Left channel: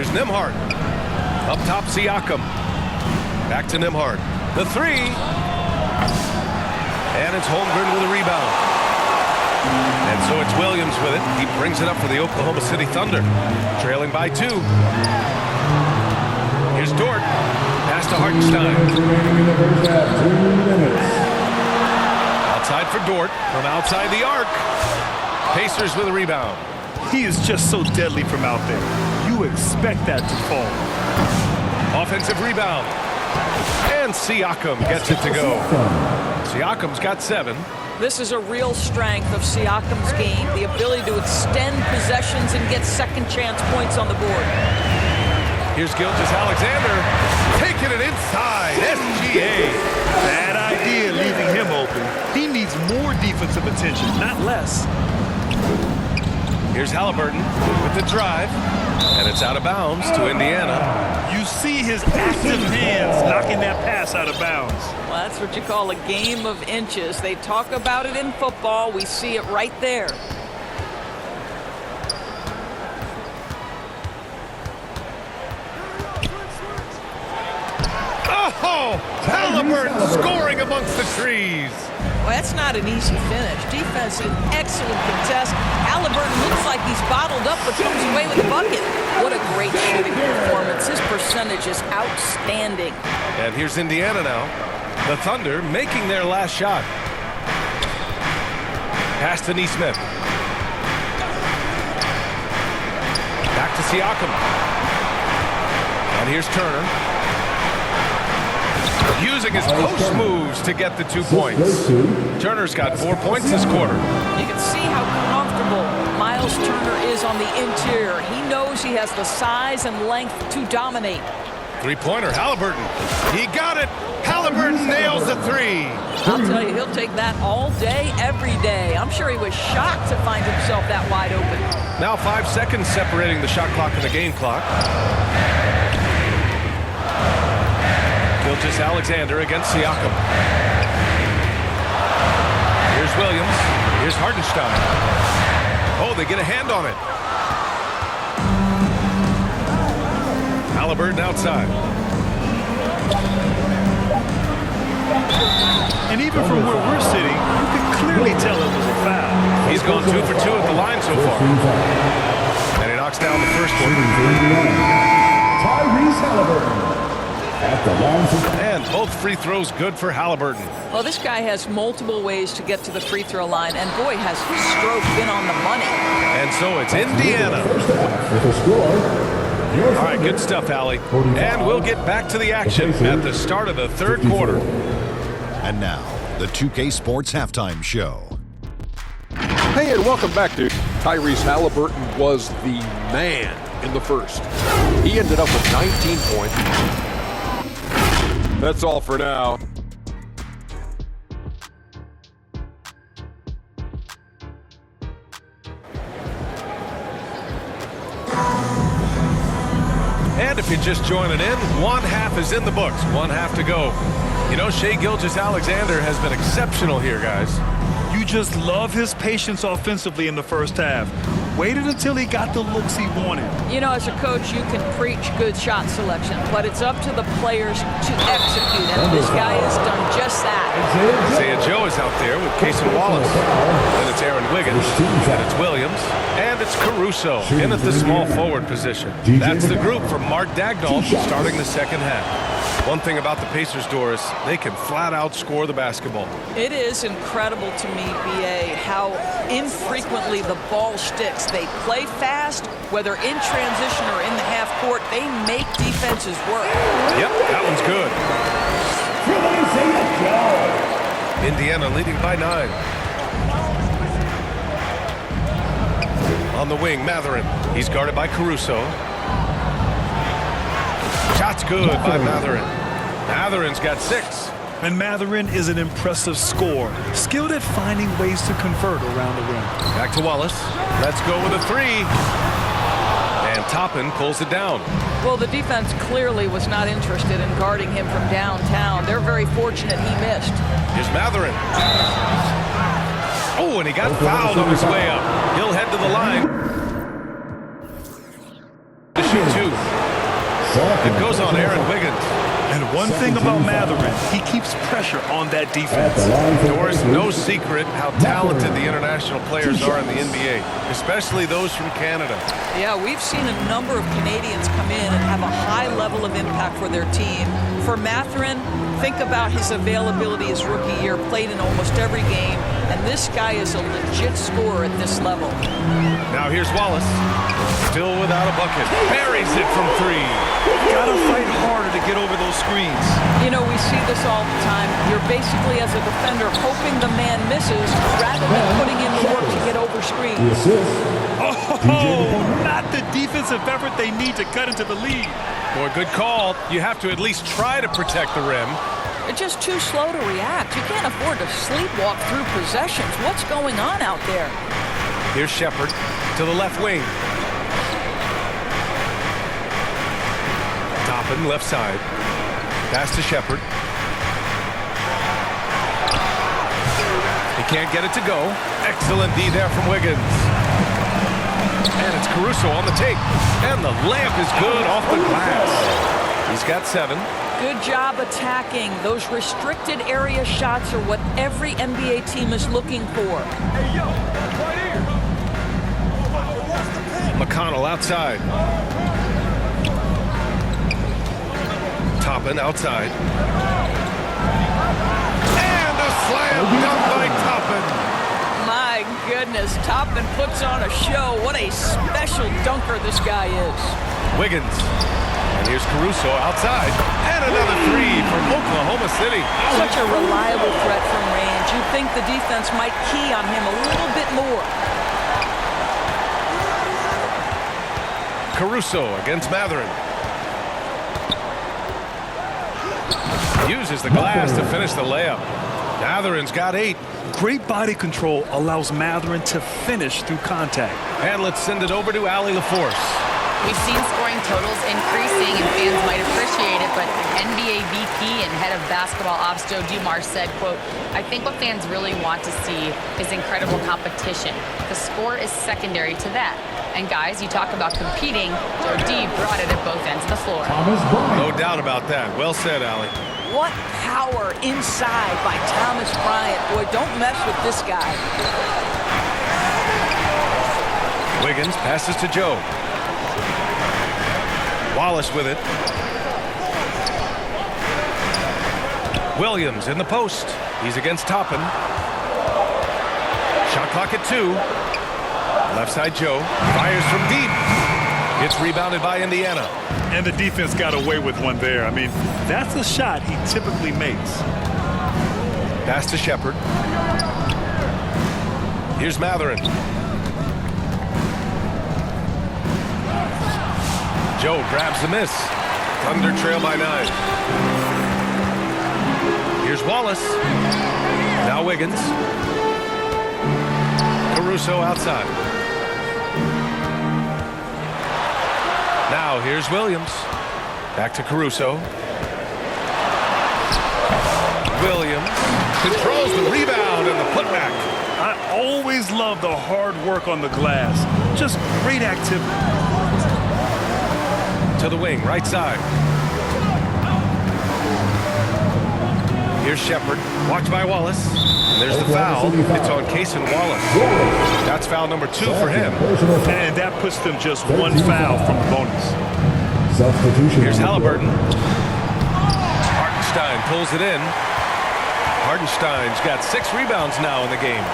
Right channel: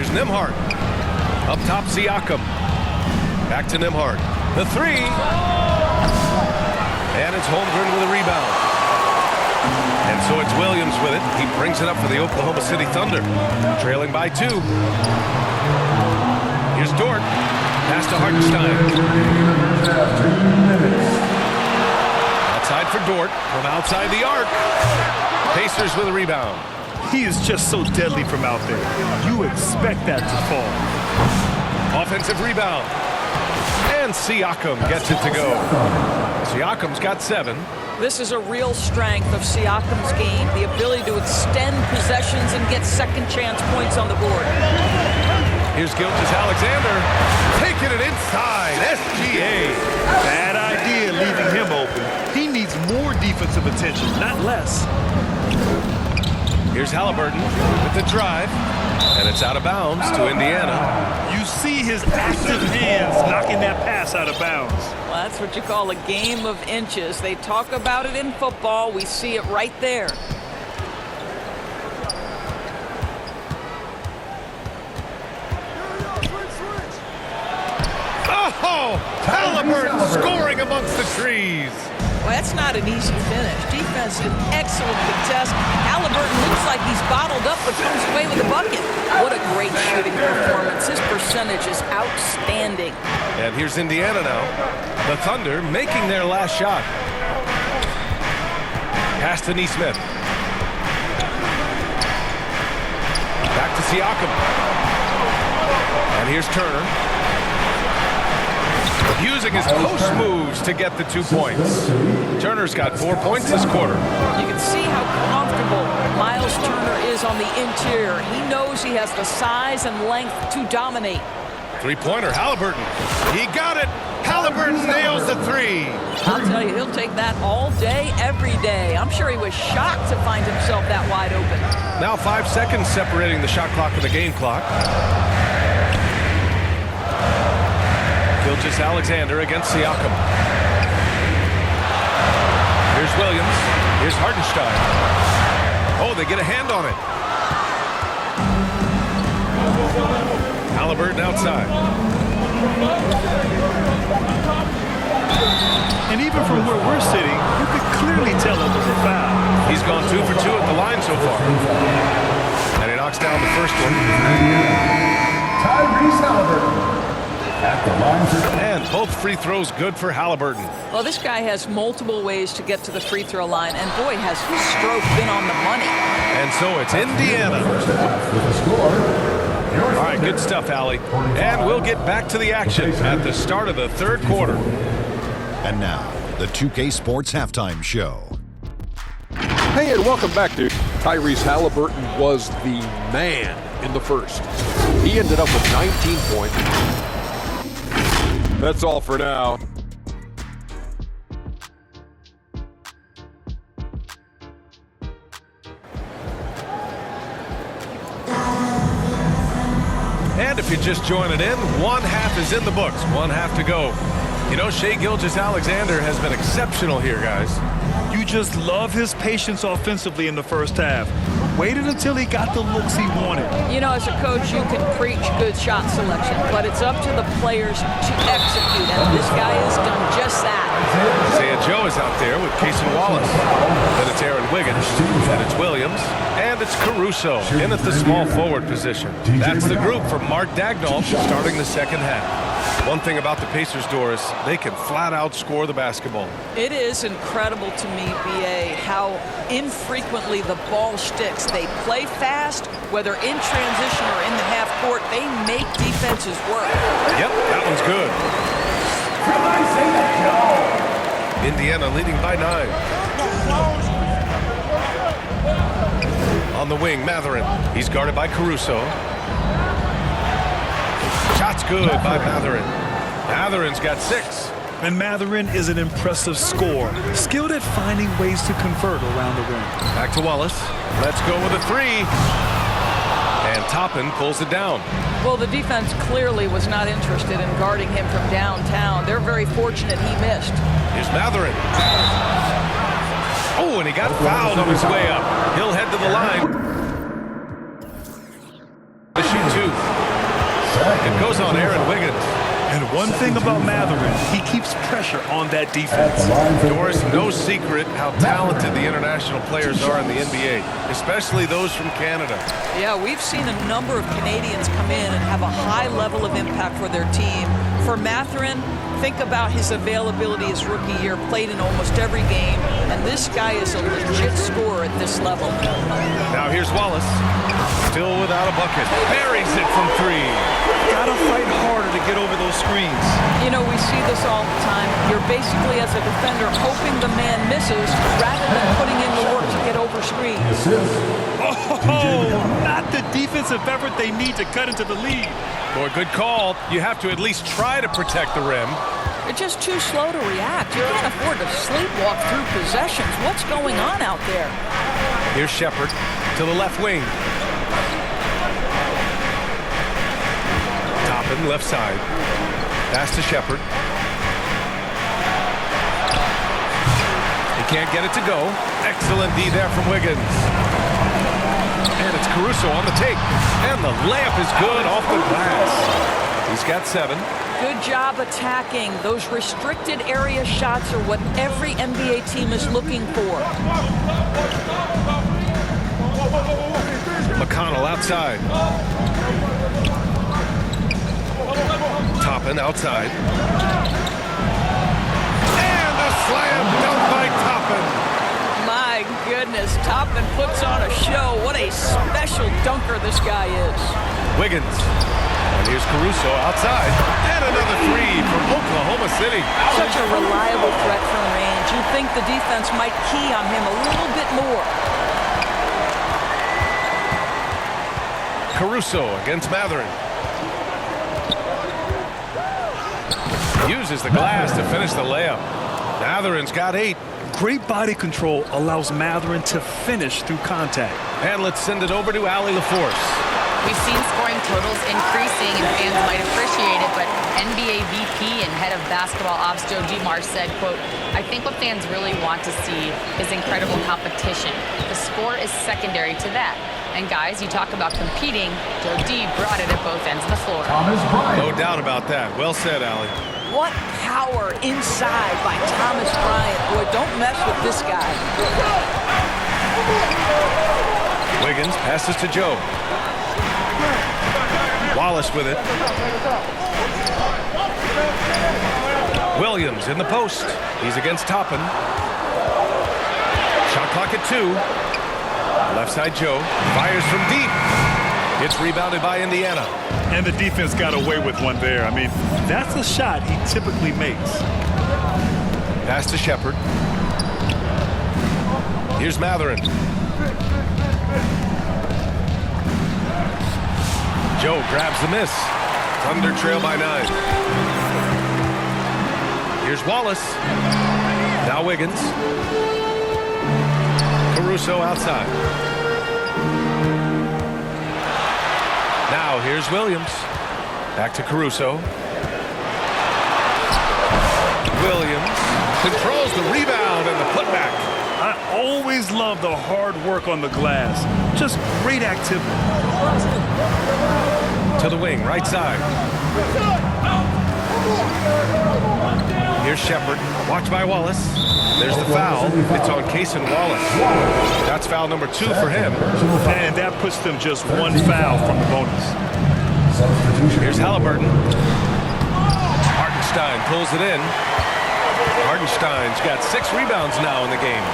Here's Nembhard. Up top, Siakam. Back to Nembhard. The three. And it's Holmgren with a rebound. And so it's Williams with it. He brings it up for the Oklahoma City Thunder. Trailing by 2. Here's Dort. Pass to Hartenstein. Outside for Dort. From outside the arc. Pacers with a rebound. He is just so deadly from out there. You expect that to fall. Offensive rebound. And Siakam gets it to go. Siakam's got 7. This is a real strength of Siakam's game, the ability to extend possessions and get second chance points on the board. Here's Gilgeous-Alexander taking it inside. SGA. Bad idea leaving him open. He needs more defensive attention, not less. Here's Halliburton with the drive. And it's out of bounds to Indiana. You see his active hands knocking that pass out of bounds. Well, that's what you call a game of inches. They talk about it in football. We see it right there. Oh, Halliburton scoring amongst the trees. Well, that's not an easy finish. Defense an excellent contest. Halliburton looks like he's bottled up but comes away with a bucket. What a great shooting performance. His percentage is outstanding. And here's Indiana now. The Thunder making their last shot. Pass to Nesmith. Back to Siakam. And here's Turner. Using his post moves to get the 2 points. Turner's got 4 points this quarter. You can see how comfortable Miles Turner is on the interior. He knows he has the size and length to dominate. Three-pointer, Halliburton. He got it. Halliburton nails the 3. I'll tell you, he'll take that all day, every day. I'm sure he was shocked to find himself that wide open. Now 5 seconds separating the shot clock and the game clock. Gilgeous-Alexander against Siakam. Here's Williams. Here's Hartenstein. Oh, they get a hand on it. Halliburton outside. And even from where we're sitting, you could clearly tell it was a foul. He's gone 2 for 2 at the line so far. And he knocks down the first one. Tyrese Halliburton. At the line. And both free throws good for Halliburton. Well, this guy has multiple ways to get to the free throw line, and boy, has his stroke been on the money. And so it's Indiana. First half with a score. All right, good stuff, Allie. And we'll get back to the action at the start of the third quarter. And now, the 2K Sports Halftime Show. Hey, and welcome back to Tyrese Halliburton was the man in the first. He ended up with 19 points. That's all for now. And if you're just joining in, one half is in the books, one half to go. You know, Shai Gilgeous-Alexander has been exceptional here, guys. You just love his patience offensively in the first half. Waited until he got the looks he wanted. You know, as a coach, you can preach good shot selection, but it's up to the players to execute, and this guy has done just that. Isaiah Joe is out there with Cason Wallace. Then it's Aaron Wiggins, and it's Williams, and it's Caruso in at the small forward position. That's the group for Mark Daigneault starting the second half. One thing about the Pacers, Doris, they can flat out score the basketball. It is incredible to me, B.A., how infrequently the ball sticks. They play fast, whether in transition or in the half court. They make defenses work. Yep, that one's good. From Isaiah Joe. Indiana leading by 9. On the wing, Mathurin. He's guarded by Caruso. Shot's good by Mathurin. Mathurin's got 6. And Mathurin is an impressive scorer, skilled at finding ways to convert around the rim. Back to Wallace. Let's go with a 3. And Toppin pulls it down. Well, the defense clearly was not interested in guarding him from downtown. They're very fortunate he missed. Here's Mathurin. Oh, and he got fouled on his way up. He'll head to the line. The shoot two. It goes on Aaron Wiggins. And one thing about Matherin, he keeps pressure on that defense. Doris, no secret how talented the international players are in the NBA, especially those from Canada. Yeah, we've seen a number of Canadians come in and have a high level of impact for their team. For Matherin, think about his availability his rookie year, played in almost every game, and this guy is a legit scorer at this level. Now here's Wallace, still without a bucket. Buries it from three. Gotta fight harder to get over those screens. You know, we see this all the time. You're basically, as a defender, hoping the man misses rather than putting in the work to get over The screens. assist. Oh, not the defensive effort they need to cut into the lead. Boy, good call. You have to at least try to protect the rim. They're just too slow to react. You can't afford to sleepwalk through possessions. What's going on out there? Here's Shepard to the left wing. Toppin, left side. Pass to Shepard. He can't get it to go. Excellent D there from Wiggins. And it's Caruso on the take. And the layup is good off the glass. He's got 7. Good job attacking. Those restricted area shots are what every NBA team is looking for. McConnell outside. Toppin outside. And a slam dunk by Toppin. My goodness, Toppin puts on a show. What a special dunker this guy is. Wiggins. And here's Caruso outside. And another three for Oklahoma City. Such a reliable threat from range. You'd think the defense might key on him a little bit more. Caruso against Matherin. Uses the glass to finish the layup. Matherin's got 8. Great body control allows Matherin to finish through contact. And let's send it over to Allie LaForce. We've seen scoring totals increasing, and fans might appreciate it, but NBA VP and head of basketball ops Joe Dumars said, quote, "I think what fans really want to see is incredible competition. The score is secondary to that. And guys, you talk about competing, Joe D brought it at both ends of the floor." Thomas Bryant. No doubt about that. Well said, Allie. What power inside by Thomas Bryant. Boy, don't mess with this guy. Wiggins passes to Joe. Wallace with it. Williams in the post. He's against Toppin. Shot clock at 2. Left side Joe. Fires from deep. It's rebounded by Indiana. And the defense got away with one there. I mean, that's a shot he typically makes. Pass to Shepard. Here's Matherin. Joe grabs the miss. Thunder trail by 9. Here's Wallace. Now Wiggins. Caruso outside. Now here's Williams. Back to Caruso. Williams controls the rebound and the putback. I always love the hard work on the glass. Just great activity. To the wing, right side. Here's Shepard. Watched by Wallace. And there's the foul. It's on Cason Wallace. That's foul number 2 for him. And that puts them just one foul from the bonus. Substitution. Here's Halliburton. Hartenstein pulls it in. Hartenstein's got 6 rebounds now in the game.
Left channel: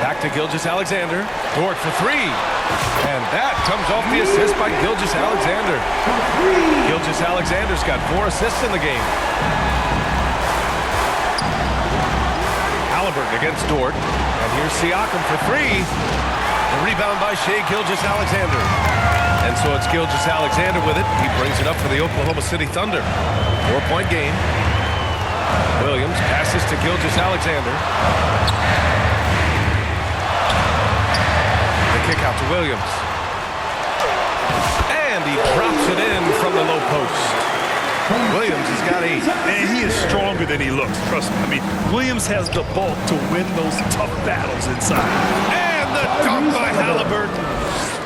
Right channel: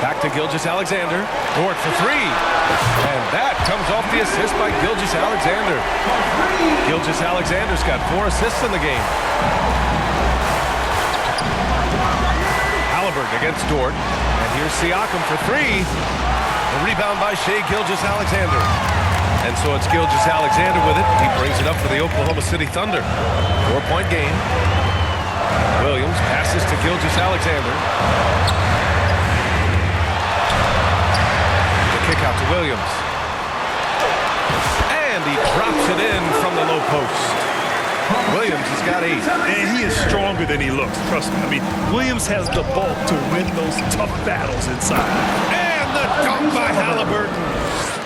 Back to Gilgeous-Alexander. Dort for 3. And that comes off the assist by Gilgeous-Alexander. Gilgeous-Alexander's got 4 assists in the game. Halliburton against Dort. And here's Siakam for 3. The rebound by Shai Gilgeous-Alexander. And so it's Gilgeous-Alexander with it. He brings it up for the Oklahoma City Thunder. 4-point game. Williams passes to Gilgeous-Alexander. The kick out to Williams. And he drops it in from the low post. Williams has got 8. And he is stronger than he looks, trust me. I mean, Williams has the bulk to win those tough battles inside. And the dunk by Halliburton.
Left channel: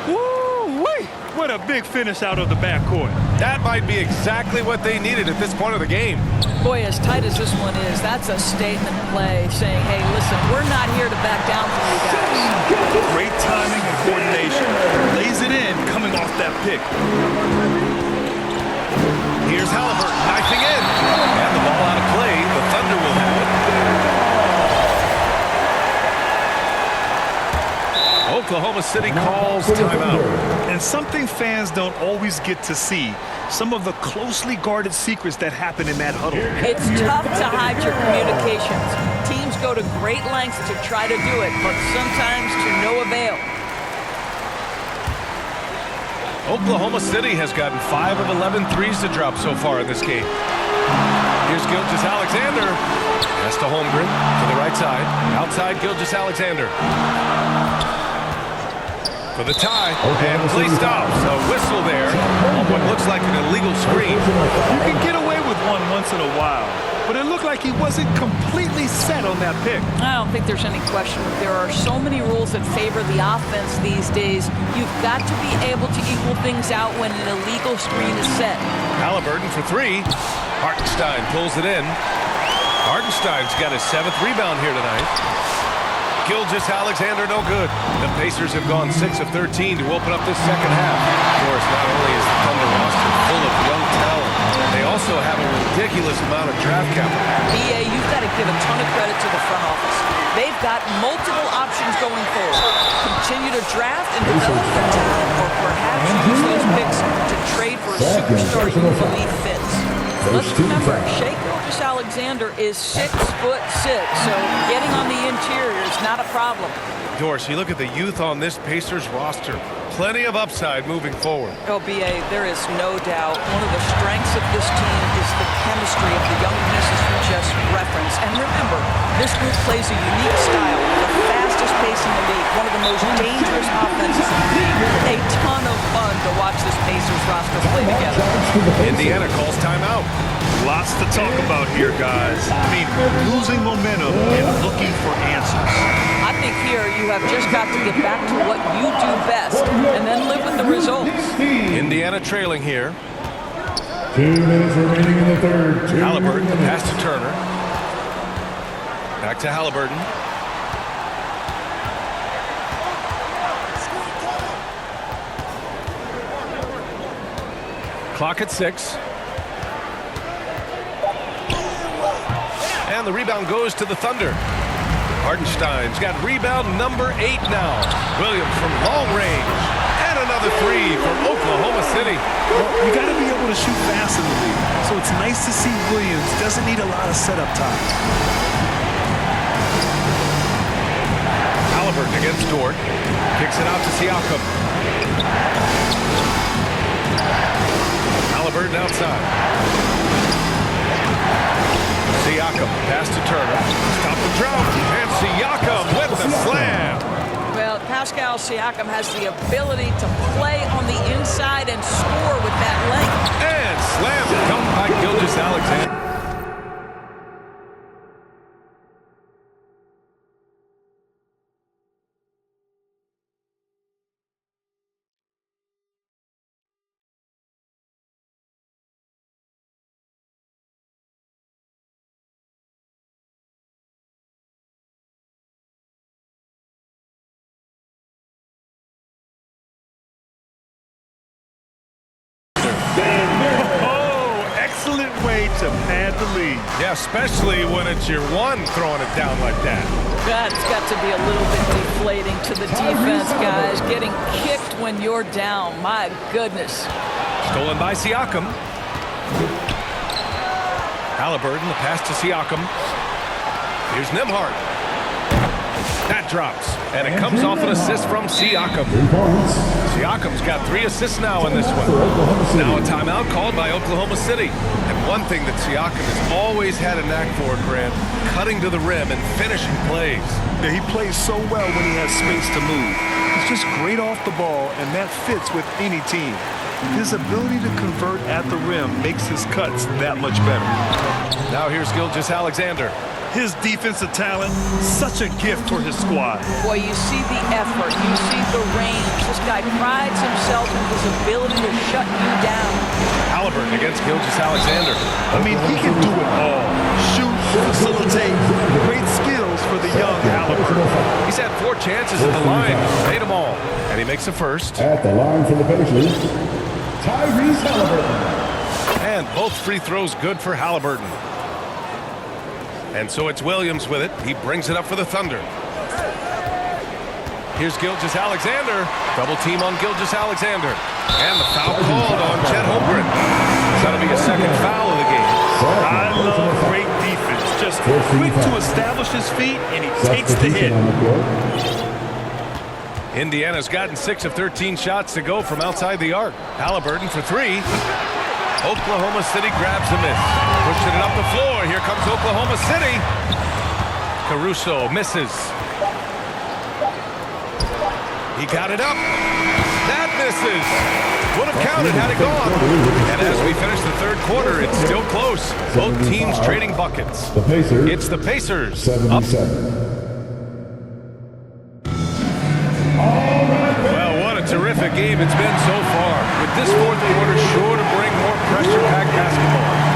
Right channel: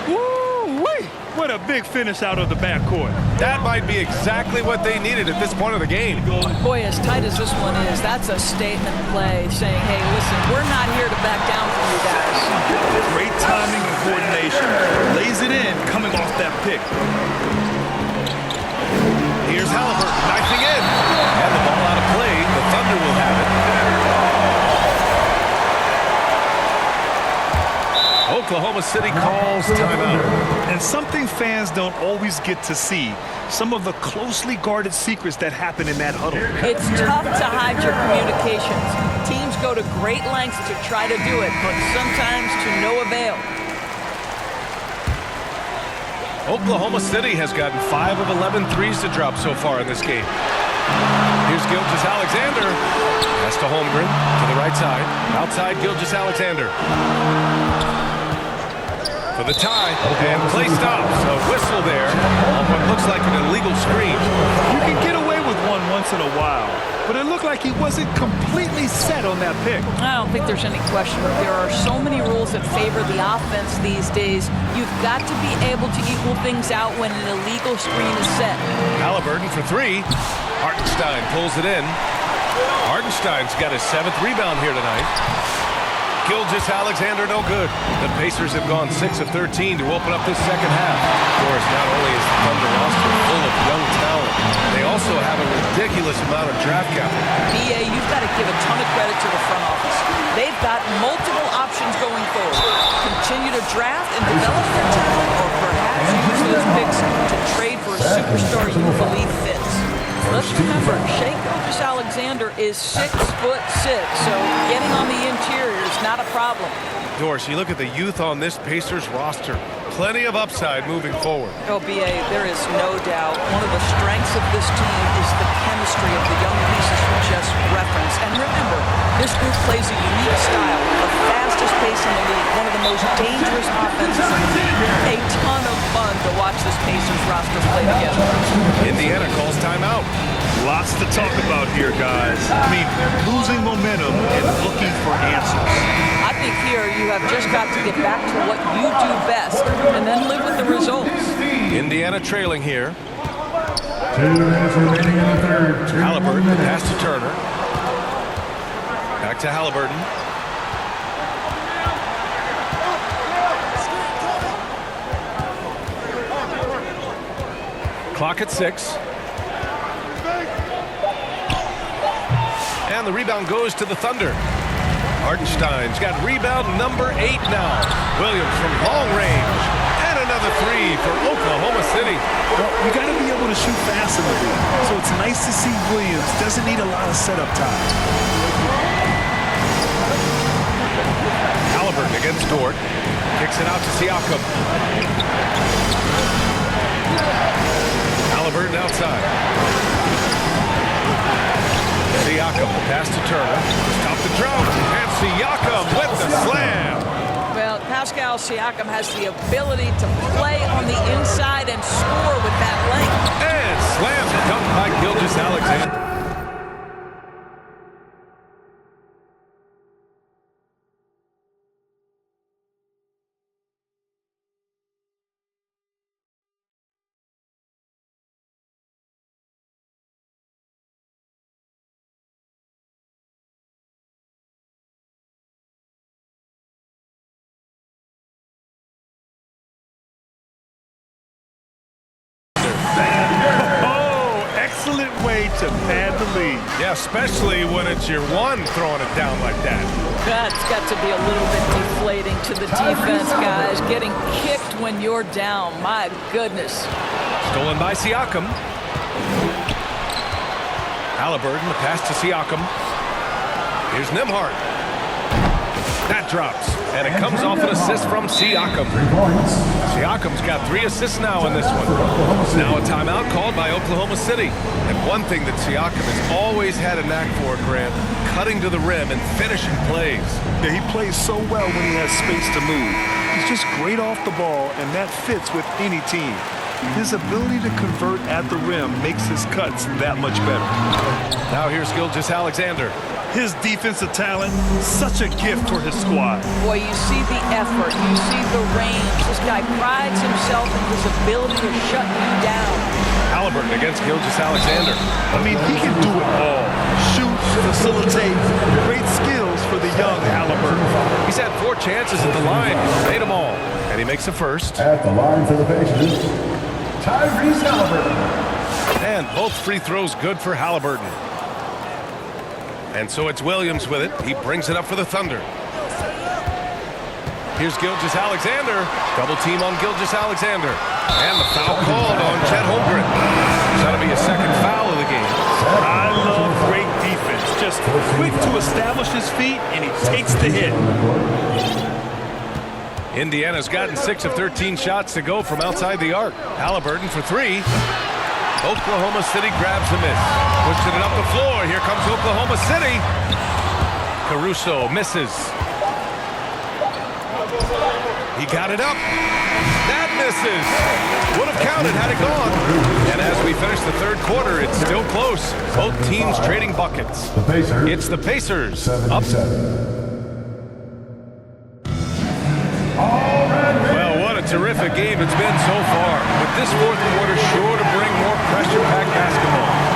Woo-wee! What a big finish out of the backcourt. That might be exactly what they needed at this point of the game. Boy, as tight as this one is, that's a statement play saying, hey, listen, we're not here to back down from you guys. Great timing and coordination. Lays it in coming off that pick. Here's Halliburton knifing in. And the ball out of play. The Thunder will have it. Oklahoma City calls timeout. And something fans don't always get to see, some of the closely guarded secrets that happen in that huddle. It's tough to hide your communications. Teams go to great lengths to try to do it, but sometimes to no avail. Oklahoma City has gotten 5 of 11 threes to drop so far in this game. Here's Gilgeous-Alexander. Pass to Holmgren to the right side. Outside Gilgeous-Alexander. For the tie, and play stops. A whistle there on what looks like an illegal screen. You can get away with one once in a while, but it looked like he wasn't completely set on that pick. I don't think there's any question. There are so many rules that favor the offense these days. You've got to be able to equal things out when an illegal screen is set. Halliburton for 3. Hartenstein pulls it in. Hartenstein's got his 7th rebound here tonight. Gilgeous-Alexander no good. The Pacers have gone 6 of 13 to open up this second half. Of course, not only is the Thunder roster full of young talent, they also have a ridiculous amount of draft capital. BA, you've got to give a ton of credit to the front office. They've got multiple options going forward. Continue to draft and develop their talent, or perhaps use those picks to trade for a superstar you believe fits. Let's remember, Shai Gilgeous-Alexander is 6'6", so getting on the interior is not a problem. Doris, you look at the youth on this Pacers roster. Plenty of upside moving forward. Oh, BA, there is no doubt. One of the strengths of this team is the chemistry of the young pieces you just referenced. And remember, this group plays a unique style, the fastest pace in the league, one of the most dangerous offenses in the league. A ton of fun to watch this Pacers roster play together. Indiana calls timeout. Lots to talk about here, guys. I mean, losing momentum and looking for answers. I think here you have just got to get back to what you do best and then live with the results. Indiana trailing here. 2 minutes remaining in the third. Halliburton, the pass to Turner. Back to Halliburton. Clock at 6. And the rebound goes to the Thunder. Hartenstein's got rebound number 8 now. Williams from long range. And another 3 for Oklahoma City. Well, you got to be able to shoot fast in the league. So it's nice to see Williams doesn't need a lot of setup time. Halliburton against Dort. Kicks it out to Siakam. Halliburton outside. Siakam, pass to Turner. Stop the drought. And Siakam with the slam. Well, Pascal Siakam has the ability to play on the inside and score with that length. And slam dunk by Gilgeous-Alexander. Oh, excellent way to pad the lead. Yeah, especially when it's your one throwing it down like that. That's got to be a little bit deflating to the defense, guys. Getting kicked when you're down. My goodness. Stolen by Siakam. Halliburton, the pass to Siakam. Here's Nembhard. That drops, and it comes off an assist from Siakam. 3 points. Siakam's got 3 assists now in this one. Now a timeout called by Oklahoma City. And one thing that Siakam has always had a knack for, Grant, cutting to the rim and finishing plays. Yeah, he plays so well when he has space to move. He's just great off the ball, and that fits with any team. His ability to convert at the rim makes his cuts that much better. Now here's Gilgeous-Alexander. His defensive talent, such a gift for his squad. Boy, you see the effort, you see the range. This guy prides himself in his ability to shut you down. Halliburton against Gilgeous-Alexander. I mean, he can do it all. Shoot, facilitate, great skills for the young Halliburton. He's had 4 chances at the line. He's made them all. And he makes the first. At the line for the Pacers, Tyrese Halliburton. And both free throws good for Halliburton. And so it's Williams with it. He brings it up for the Thunder. Here's Gilgeous-Alexander. Double team on Gilgeous-Alexander. And the foul called on Chet Holmgren. That'll be a second foul of the game. I love great defense. Just quick to establish his feet, and he takes the hit. Indiana's gotten 6 of 13 shots to go from outside the arc. Halliburton for 3. Oklahoma City grabs the miss. Pushing it up the floor. Here comes Oklahoma City. Caruso misses. He got it up. That misses. Would have counted had it gone. And as we finish the third quarter, it's still close. Both teams trading buckets. The Pacers. It's the Pacers up. 77. Well, what a terrific game it's been so far. With this fourth quarter sure to bring more pressure-packed basketball.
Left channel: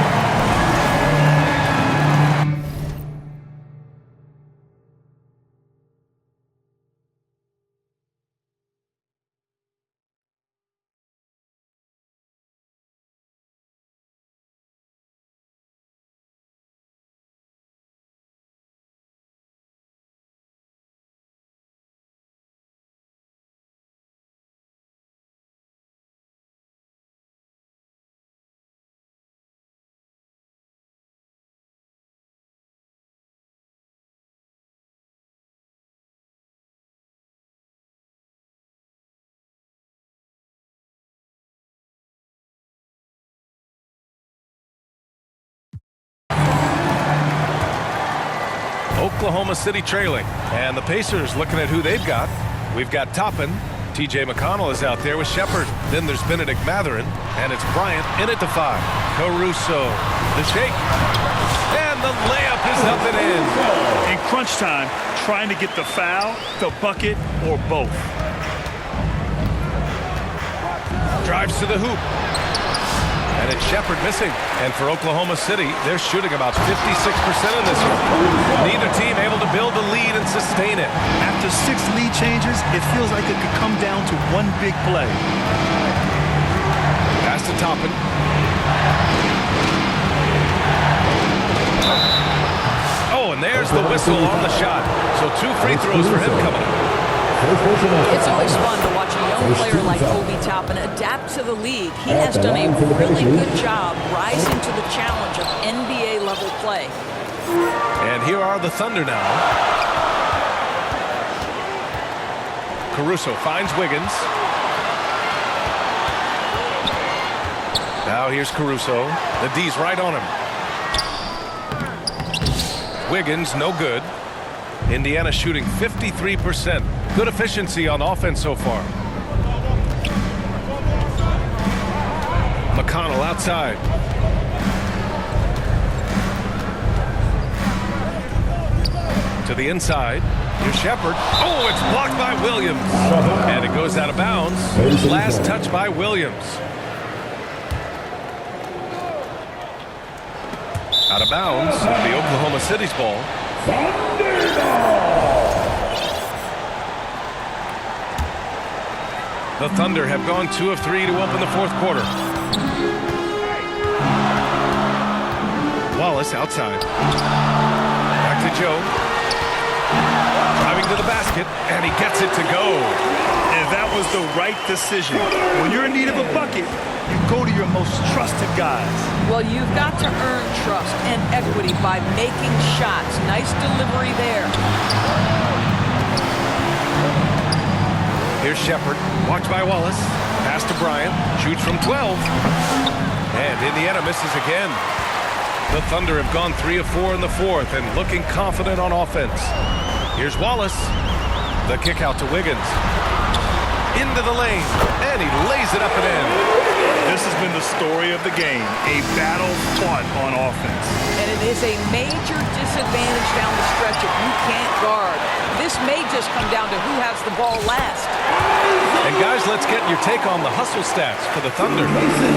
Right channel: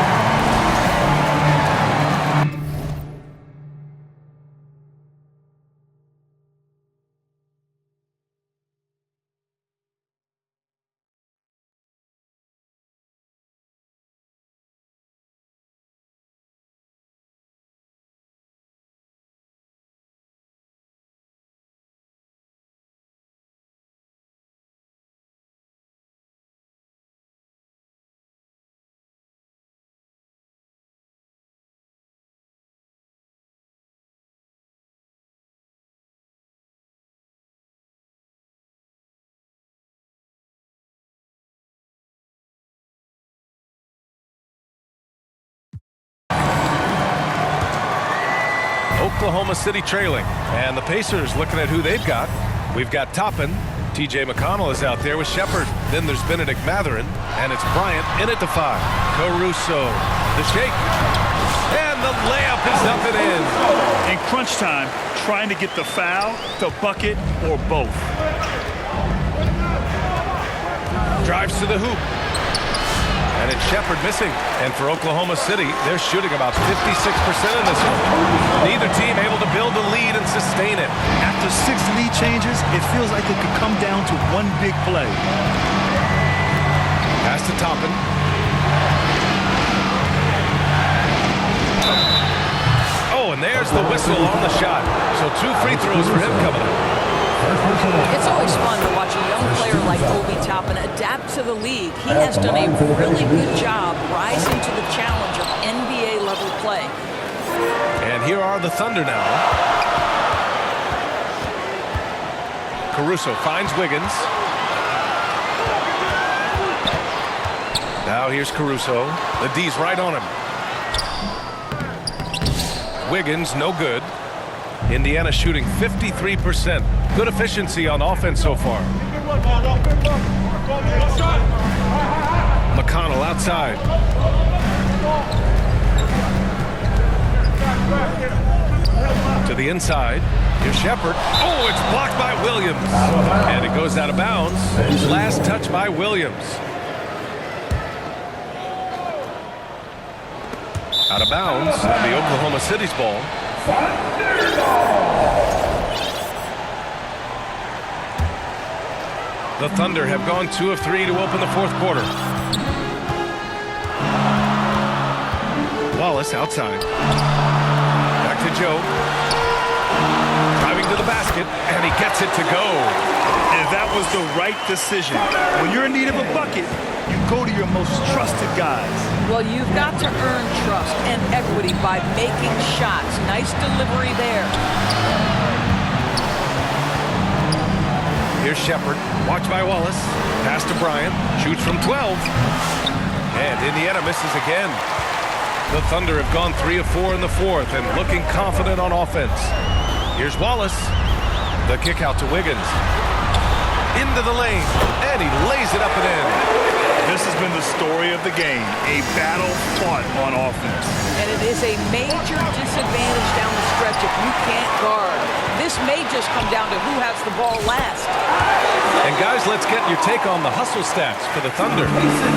Oklahoma City trailing. And the Pacers looking at who they've got. We've got Toppin. T.J. McConnell is out there with Shepard. Then there's Benedict Mathurin. And it's Bryant in at the 5. Caruso. The shake. And the layup is up and in. In crunch time, trying to get the foul, the bucket, or both. Drives to the hoop. And it's Shepard missing. And for Oklahoma City, they're shooting about 56% in this one. Neither team able to build a lead and sustain it. After 6 lead changes, it feels like it could come down to one big play. Pass to Toppin. Oh, and there's the whistle on the shot. So 2 free throws for him coming up. It's always fun to watch a young player like Obi Toppin adapt to the league. He has done a really good job rising to the challenge of NBA-level play. And here are the Thunder now. Caruso finds Wiggins. Now here's Caruso. The D's right on him. Wiggins, no good. Indiana shooting 53%. Good efficiency on offense so far. McConnell outside. To the inside. Here's Shepard. Oh, it's blocked by Williams. And it goes out of bounds. Last touch by Williams. Out of bounds. It'll be Oklahoma City's ball. The Thunder have gone 2 of 3 to open the fourth quarter. Wallace outside. Back to Joe. Driving to the basket, and he gets it to go. And that was the right decision. When you're in need of a bucket, you go to your most trusted guys. Well, you've got to earn trust and equity by making shots. Nice delivery there. Here's Shepard. Watched by Wallace. Pass to Bryant. Shoots from 12. And Indiana misses again. The Thunder have gone 3 of 4 in the fourth and looking confident on offense. Here's Wallace. The kick out to Wiggins. Into the lane. And he lays it up and in. This has been the story of the game, a battle fought on offense. And it is a major disadvantage down the stretch if you can't guard. This may just come down to who has the ball last. And guys, let's get your take on the hustle stats for the Thunder.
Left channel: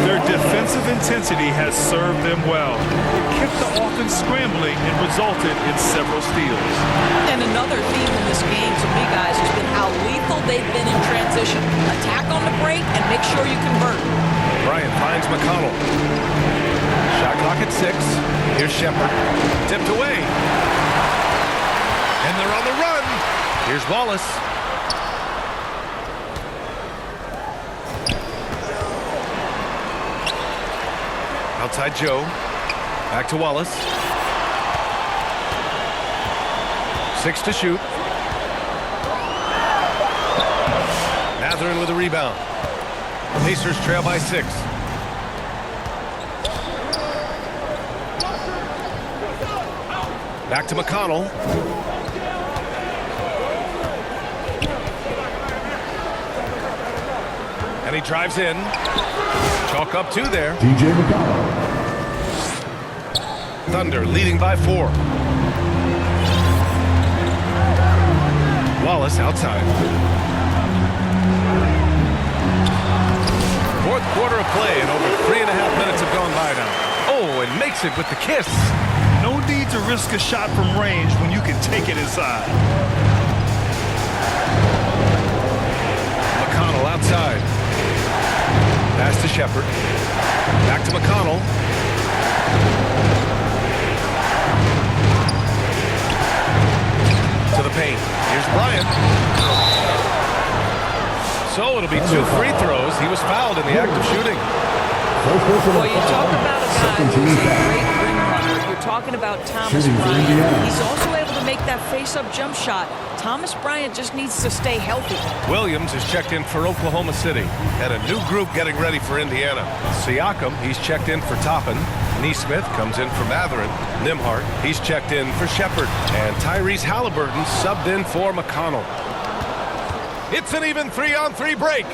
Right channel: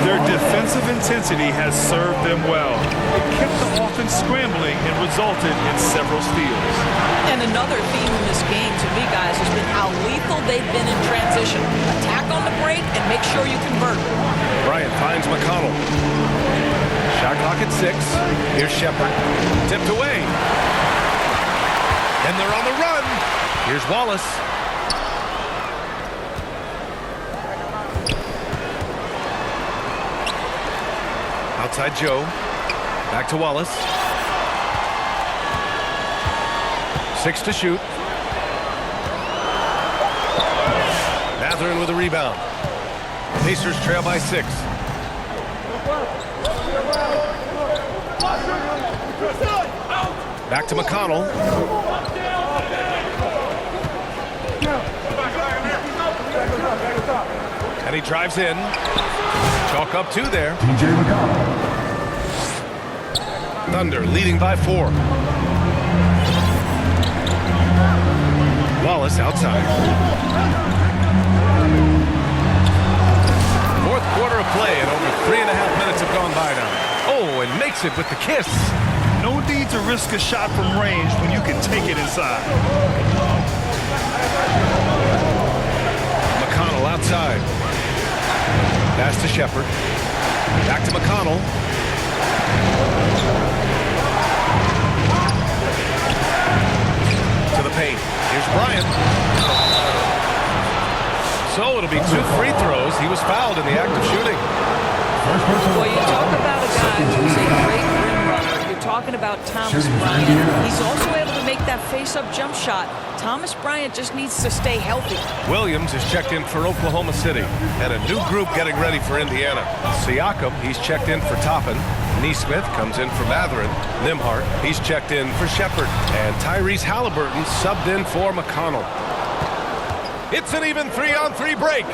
Their defensive intensity has served them well. It kept the offense scrambling and resulted in several steals. And another theme in this game to me, guys, has been how lethal they've been in transition. Attack on the break and make sure you convert. Bryant finds McConnell. Shot clock at 6. Here's Shepherd. Tipped away. And they're on the run. Here's Wallace. Outside Joe. Back to Wallace. 6 to shoot. Mathurin with a rebound. Pacers trail by 6. Back to McConnell. And he drives in. Chalk up 2 there. TJ McConnell. Thunder leading by 4. Wallace outside. Fourth quarter of play and over 3.5 minutes have gone by now. Oh, and makes it with the kiss. No need to risk a shot from range when you can take it inside. McConnell outside. Pass to Shepherd. Back to McConnell. To the paint. Here's Bryant. So it'll be 2 free throws. He was fouled in the act of shooting. Boy, you talk about a guy who's a great rim runner. You're talking about Thomas Bryant. He's also able to make that face-up jump shot. Thomas Bryant just needs to stay healthy. Williams is checked in for Oklahoma City. And a new group getting ready for Indiana. Siakam, he's checked in for Toppin. Neesmith comes in for Mathurin. Nembhard, he's checked in for Shepherd. And Tyrese Halliburton subbed in for McConnell. It's an even 3-on-3 break.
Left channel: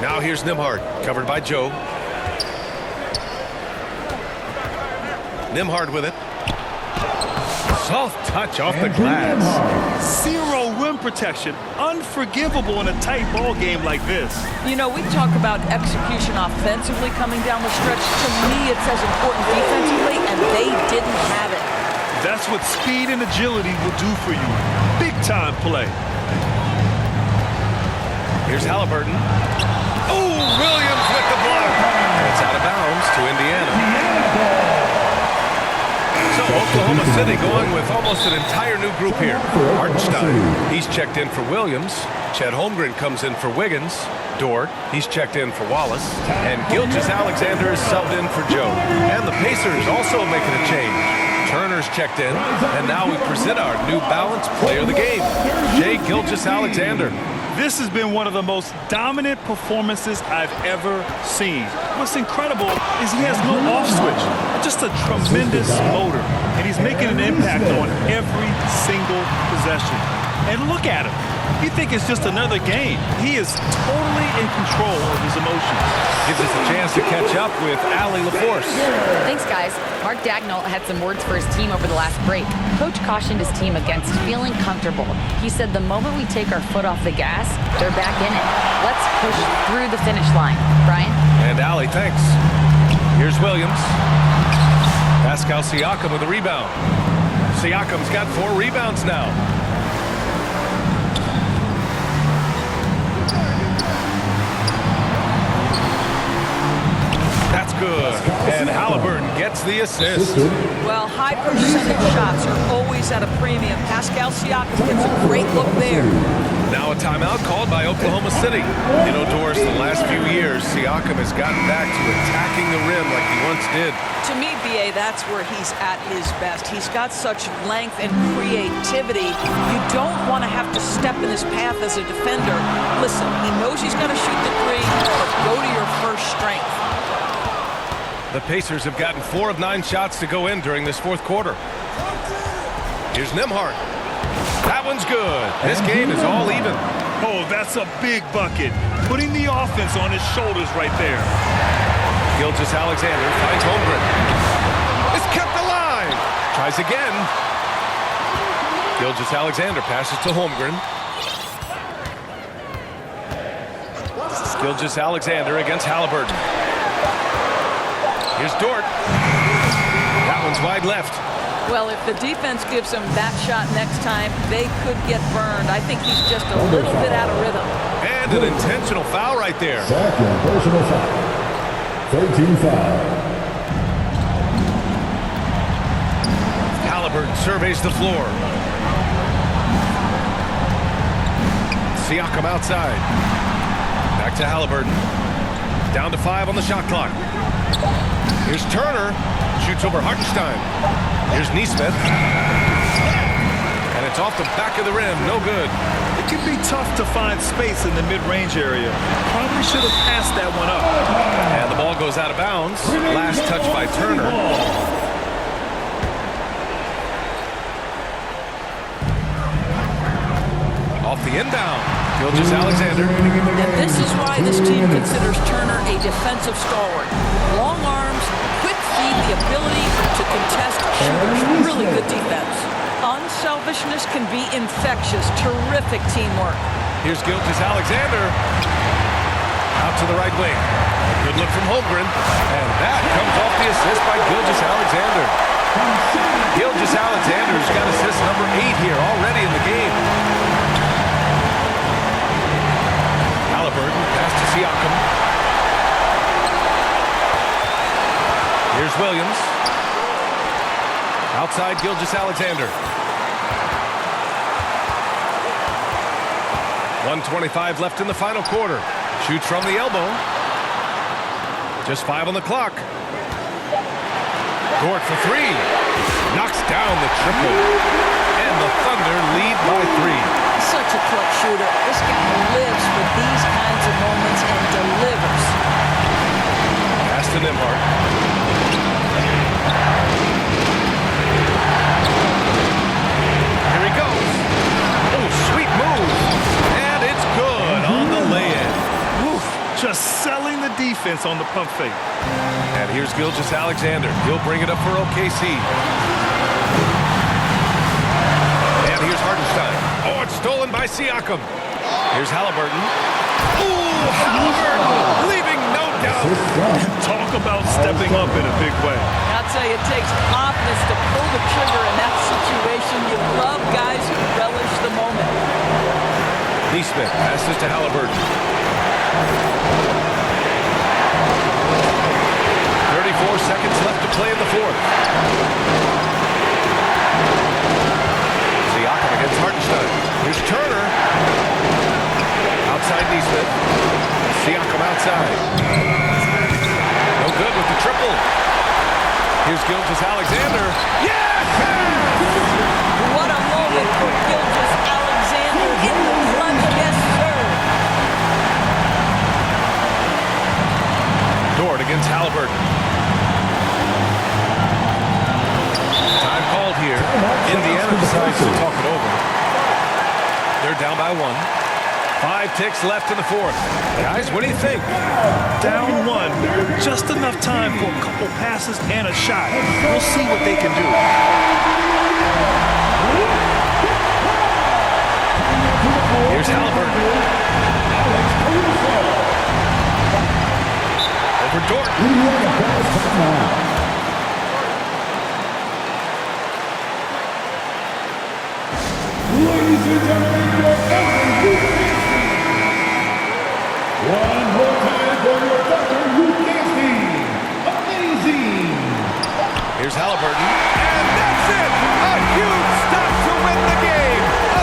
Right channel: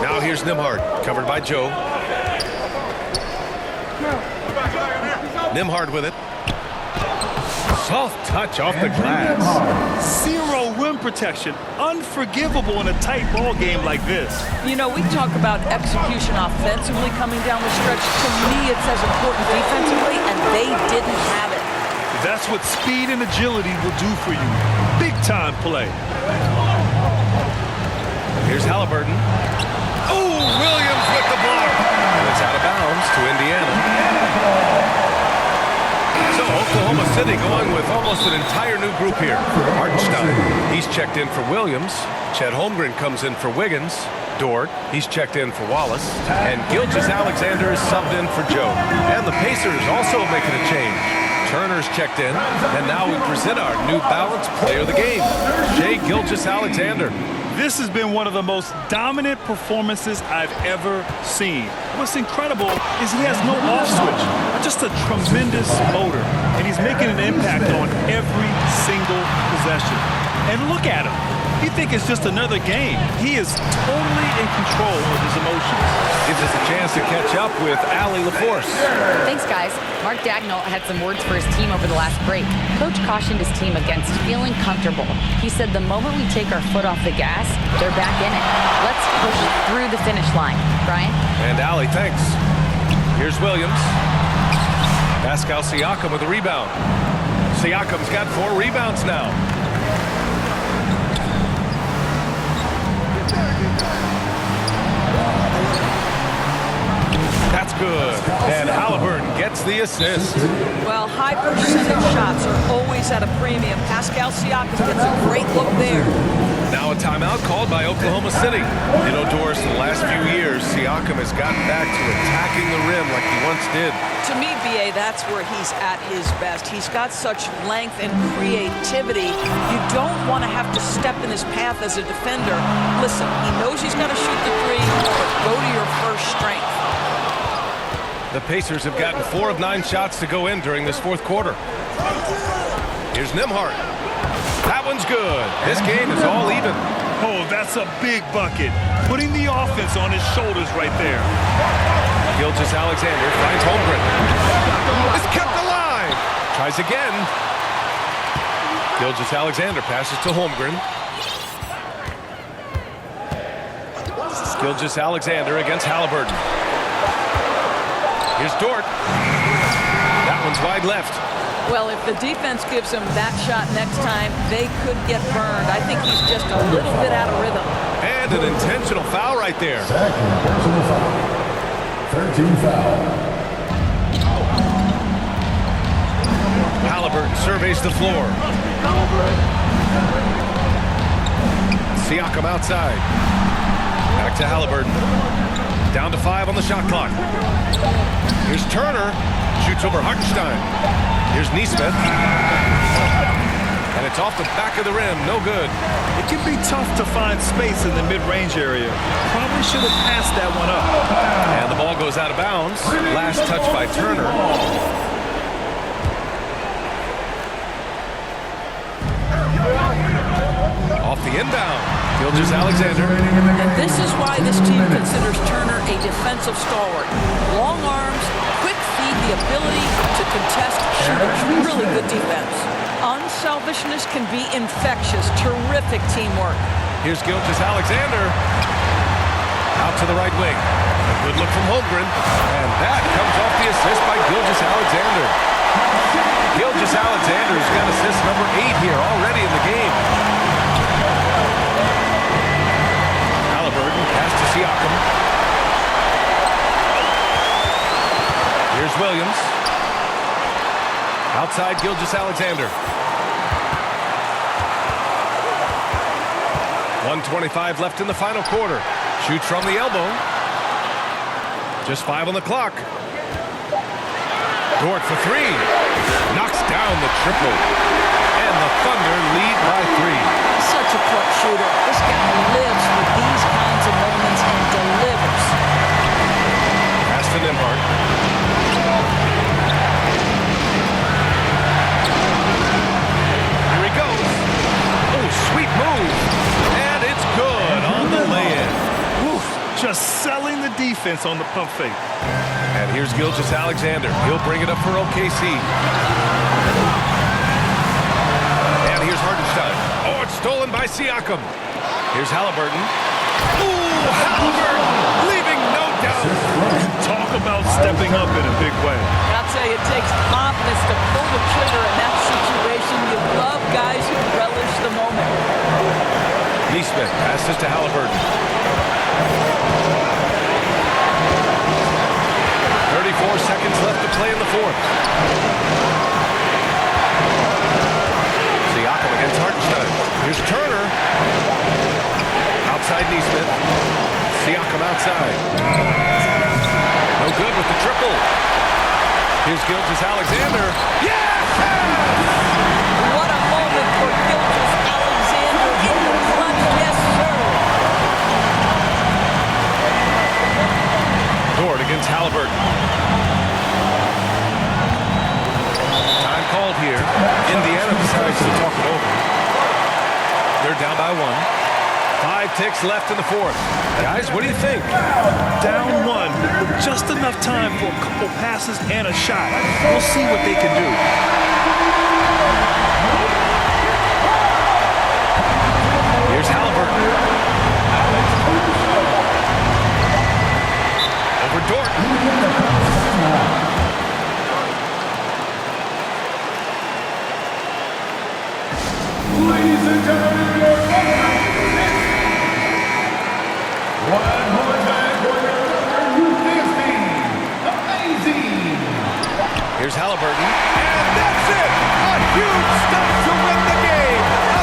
Now here's Nembhard, covered by Joe. Nembhard with it. Soft touch off the glass. Zero rim protection. Unforgivable in a tight ball game like this. You know, we talk about execution offensively coming down the stretch. To me, it's as important defensively, and they didn't have it. That's what speed and agility will do for you. Big-time play. Here's Halliburton. Oh, Williams with the block. And it's out of bounds to Indiana. So Oklahoma City going with almost an entire new group here. Hartenstein, he's checked in for Williams. Chet Holmgren comes in for Wiggins. Dort, he's checked in for Wallace. And Gilgeous-Alexander is subbed in for Joe. And the Pacers also making a change. Turner's checked in. And now we present our new balanced player of the game, Shai Gilgeous-Alexander. This has been one of the most dominant performances I've ever seen. What's incredible is he has no off switch, just a tremendous motor, and he's making an impact on every single possession. And look at him. You think it's just another game. He is totally in control of his emotions. Gives us a chance to catch up with Allie LaForce. Thanks, guys. Mark Daigneault had some words for his team over the last break. Coach cautioned his team against feeling comfortable. He said the moment we take our foot off the gas, they're back in it. Let's push through the finish line. Brian? And Allie, thanks. Here's Williams. Pascal Siakam with a rebound. Siakam's got 4 rebounds now. That's good. And Halliburton gets the assist. Well, high percentage shots are always at a premium. Pascal Siakam gets a great look there. Now a timeout called by Oklahoma City. You know, Doris, the last few years, Siakam has gotten back to attacking the rim like he once did. To me, B.A., that's where he's at his best. He's got such length and creativity. You don't want to have to step in his path as a defender. Listen, he knows he's got to shoot the 3, but go to your first strength. The Pacers have gotten 4 of 9 shots to go in during this fourth quarter. Here's Nembhard. That one's good. This game is all even. Oh, that's a big bucket. Putting the offense on his shoulders right there. Gilgeous-Alexander finds Holmgren. It's kept alive. Tries again. Gilgeous-Alexander passes to Holmgren. Gilgeous-Alexander against Halliburton. Here's Dort. That one's wide left. Well, if the defense gives him that shot next time, they could get burned. I think he's just a little bit out of rhythm. And an intentional foul right there. Second personal foul. 13 foul. Halliburton surveys the floor. Siakam outside. Back to Halliburton. Down to 5 on the shot clock. Here's Turner. Shoots over Hartenstein. Here's Neesmith. And it's off the back of the rim. No good. It can be tough to find space in the mid-range area. Probably should have passed that one up. And the ball goes out of bounds. Last touch by Turner. Off the inbound. Gilgeous-Alexander. And this is why this team considers Turner a defensive stalwart. Long arms, quick feet, the ability to contest shooters. Really good defense. Unselfishness can be infectious. Terrific teamwork. Here's Gilgeous-Alexander. Out to the right wing. A good look from Holmgren. And that comes off the assist by Gilgeous-Alexander. Gilgeous-Alexander's got assist number 8 here already in the game. Halliburton, pass to Siakam. Here's Williams. Outside Gilgeous-Alexander. 1:25 left in the final quarter. Shoots from the elbow. Just 5 on the clock. Dort for 3. Knocks down the triple. And the Thunder lead by 3. Such a clutch shooter. This guy lives for these kinds of moments and delivers. Pass to Nembhard. Here he goes. Oh, sweet move. And it's good on the lay-in. Woof, just selling the defense on the pump fake. And here's Gilgeous-Alexander. He'll bring it up for OKC. And here's Hartenstein. Oh, it's stolen by Siakam. Here's Halliburton. Ooh, Halliburton leaving no doubt. Talk about stepping up in a big way. I'll tell you, it takes confidence to pull the trigger in that situation. You love guys who relish the moment. Neesmith passes to Halliburton. 34 seconds left to play in the fourth. Siakam against Hartenstein. Here's Turner. Outside Neesmith. Siakam outside. No good with the triple. Here's Gilgeous-Alexander. Yes! What a moment for Gilgeous-Alexander in the clutch. Yes, sir. Dort against Halliburton. Time called here. Indiana decides to talk it over. They're down by 1. 5 ticks left in the fourth. Guys, what do you think? Down 1, just enough time for a couple passes and a shot. We'll see what they can do. Here's Halliburton. Over Dort. Ladies and gentlemen, your Thunder one more time for your Thunder Youth Amazing. Here's Halliburton. And that's it! A huge stop to win the game! A